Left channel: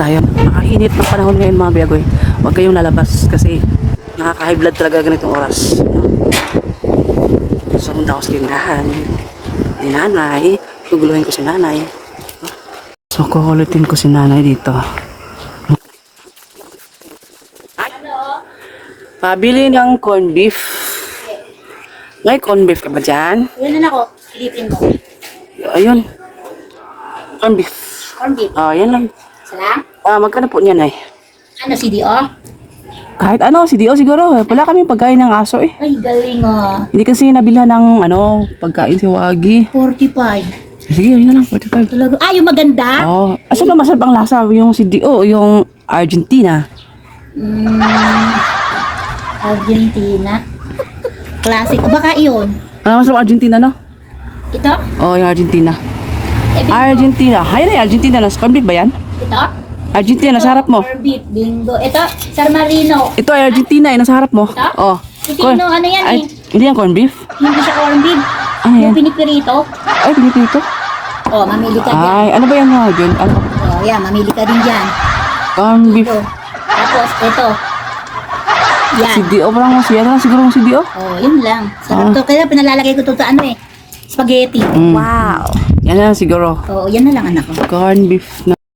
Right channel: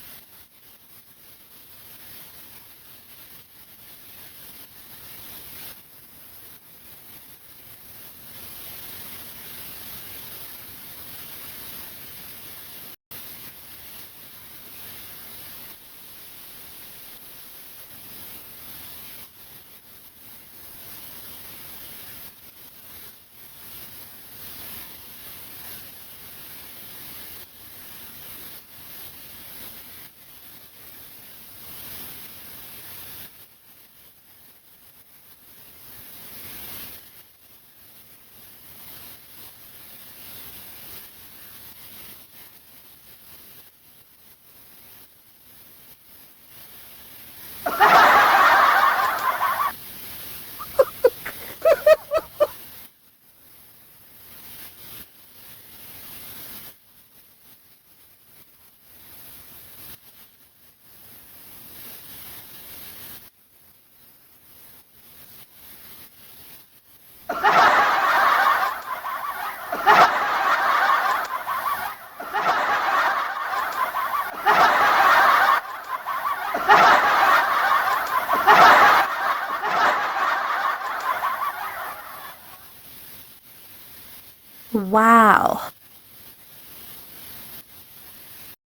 tayo. Nakainit ng panahon ngayon mga biyagoy. Huwag kayong lalabas kasi nakaka-high blood talaga ganitong oras. Sumunta ako sa tindahan. Ni nanay. Guguluhin ko si nanay. So, kukulitin ko si nanay dito. Pabili ng corned beef. May corned beef ka ba dyan? Yun na ako. Silipin mo. Ayun. Corned beef. Corn beef. Oh, yan lang. Salam? Magkano po niyan ay? Ano, CDO? Kahit ano, si Dio siguro. Wala kami pagkain ng aso eh. Ay, galing ah. Hindi kasi nabilhan ng pagkain si Wagi. 45. Sige, yun na lang, 45. Talaga. Ah, yung maganda? Oh, asa ba masarap ang lasa? Yung si Dio, yung Argentina. Argentina. Classic. Baka yun. Ano masarap ang Argentina, no? Ito? Oh, yung Argentina. Argentina. Hay na, Argentina. Corned beef ba yan? Ito? Argentina, nasa harap mo. Corn beef. Bingo. Ito, San Marino. Ito ay Argentina, nasa harap mo. Ito? Oh. Sino, ano yan eh? Hindi yan corned beef? Hindi sa corn beef. Ano yan? Yung pinipirito. Ay, pinipito. Oh, mamili ka dyan. Ay, ano ba yan mga dyan? Ano? Oh, yan, mamili ka din dyan. Corned beef. Ito. Tapos, ito. Yan. Si Dio, parang siya na siguro si Dio. Oh, yun lang. Sarap to. Kaya pinalalagay ko to sa ano eh. Spaghetti. Wow. Yan na lang siguro. Oh, yan na lang anak ko. Corned beef na.